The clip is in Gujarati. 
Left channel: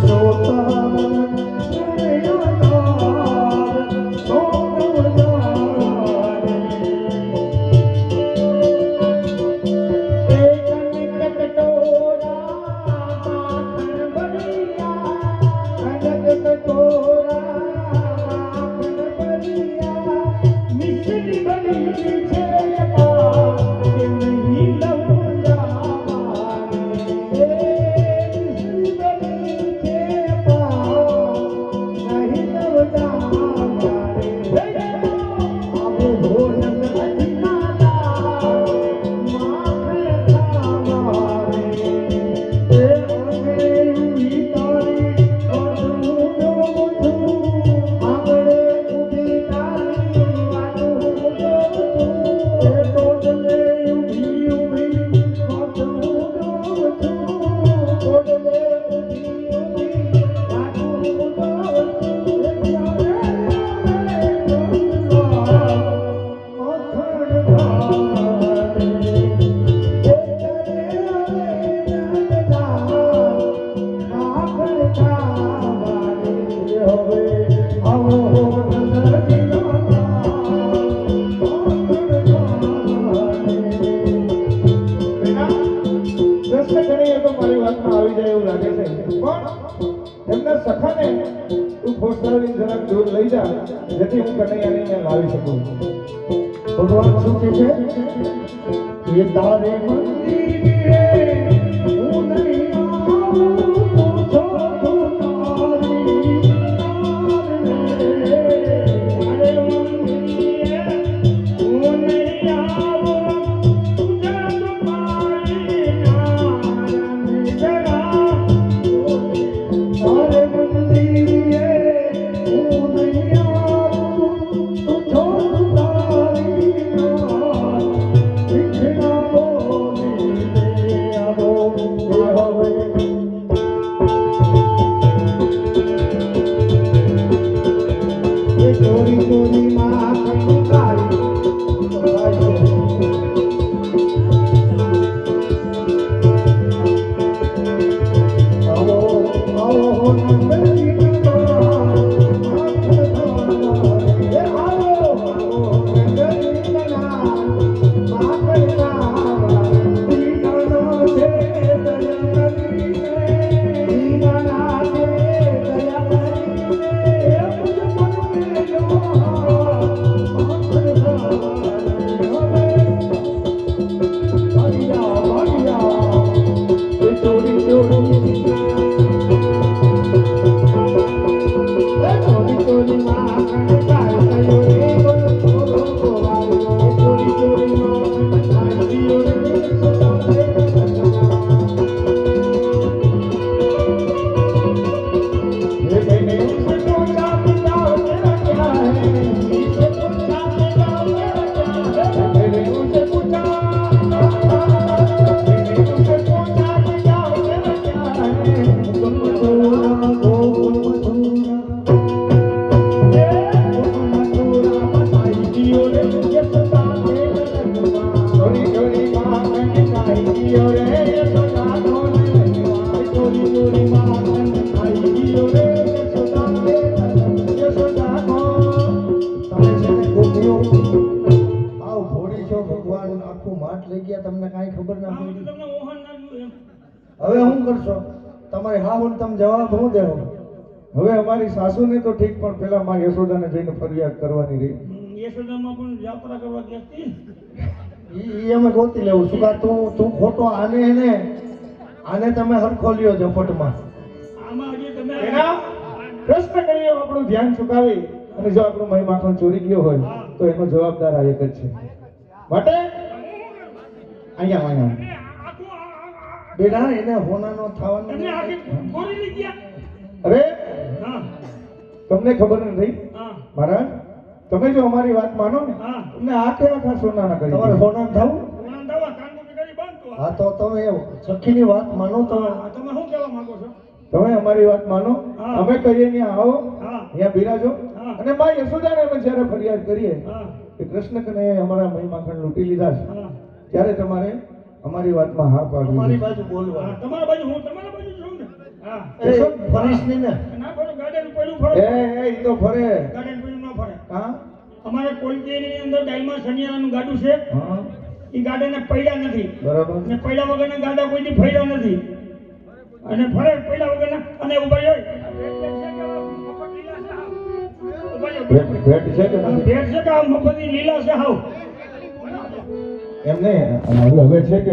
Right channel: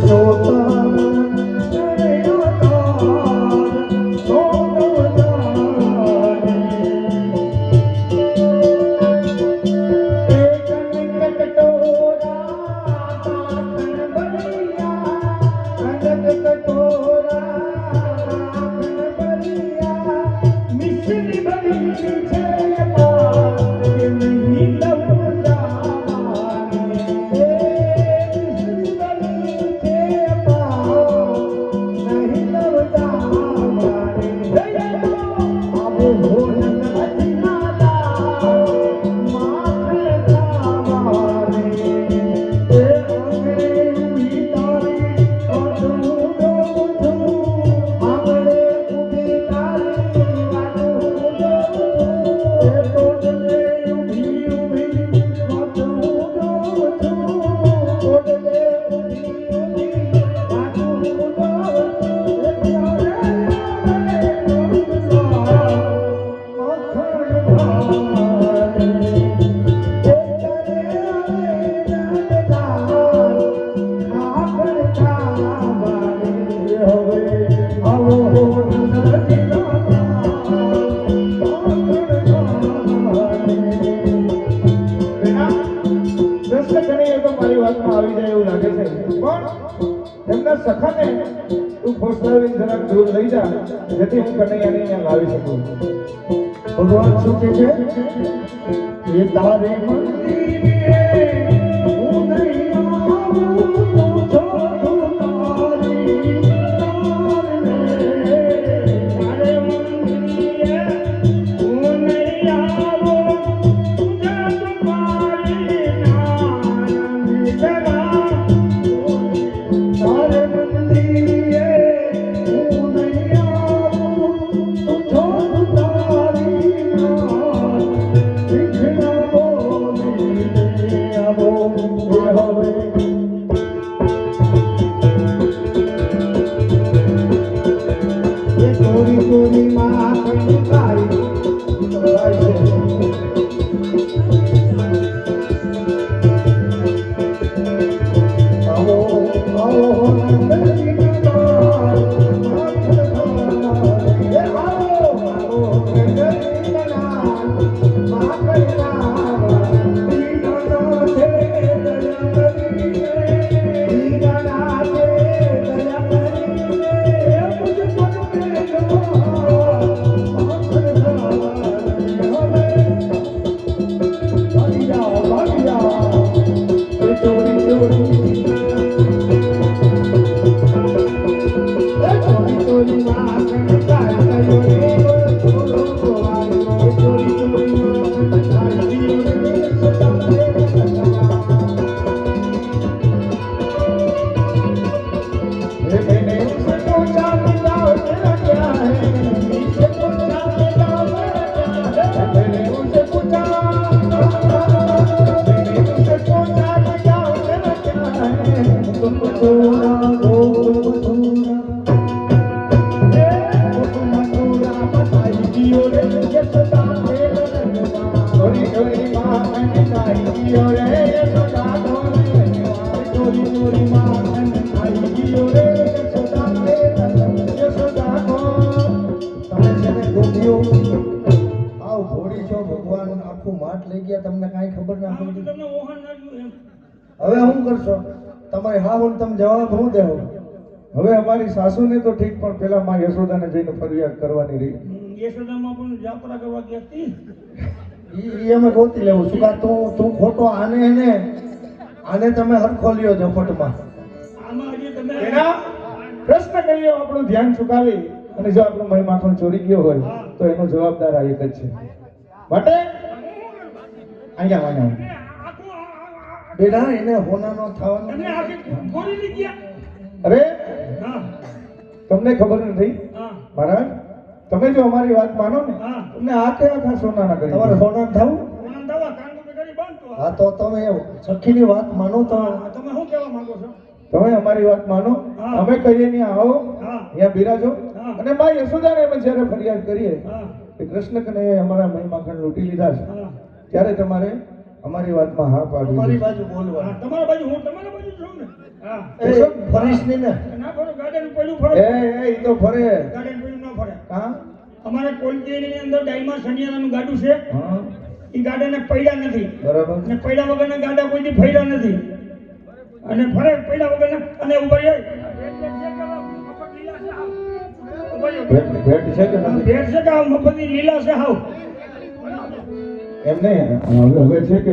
બેટા, તું ફોસલાવીને જરાક દૂર લઈ જા, જેથી હું કનૈયાને અહીંયા લાવી શકું. ભગવાન શું કહે છે? એ તારે એ હવે શું કરશો તમારે હા બોલ તમે જવાબ શું દેવો હવે અમારી સાસુને તો ઠીક પણ પેલા માં યશોદાને જઈને ફરિયાદ કરવાની રહી યશોદામાં પણ યાત્રા કરવા ગયા હતી ઈ અમે ગોતી લેવું છું. તું તું ખોટો આને એને આને તમે હરખો લ્યો ઝપટમાં પ્રશ્ન કરીએ આપણું ધ્યાન ચુકાવી અને જો આપણું મહી માખણ ચોરી ગયો હોય તો એનો જવાબદાર આ એક જ છે. માટે? અહીંયા અહીંયા. બેટા એને હોનાનો થવાનો અરે તમને ખબર નથી મારા તમે જો અમારી વાત માનો ને. તમને આખે આખા સોનાના કરી તમારે હોના થવું ઓલા દવા કાંગો કે કરી બાંધતો હા તો તમે સખીની વાત માનો તો. તમે શું કહેવા માંગો છો? તમે અમારી વાત માનો. અમે કહીએ ત્યાં આવો. અહીંયા બિરાજો. અને માં યશોદાને અમે જ્યારે ફરિયાદ કરીએ કે કૃષ્ણ કને અમારા મહી માખણ લૂંટી લીધા છે ત્યારે તમારે અમારી વાતમાં હા પાડવી અમારી બાજુ બોલવા હા, તમારા બાજુ હું તમારા બાજુ છું ને? હા. એ શું ફરીશ નહીં ને. ના ફરો ગાડાનું પહેલું એ ફરો. એ ઈ તો ફરે. ગાડાનું પેલું ના ફરે. હા? અમારા કોલજીની અંદર ડાયમા શનિયાળાનું ગાડું છે. હા. એ ગાડાને પડ્યા નથી. બરાબર. ને પૈડા વગરના ગાડા કોઈથી ફર્યા નથી. અને ફરે પૈડા વગરના અને ઊભા રહે. ભેટ છે કે ભેટ છે કે આ મફતી લીલા છે હાવ એમ નહીં. હવે હવે છે કે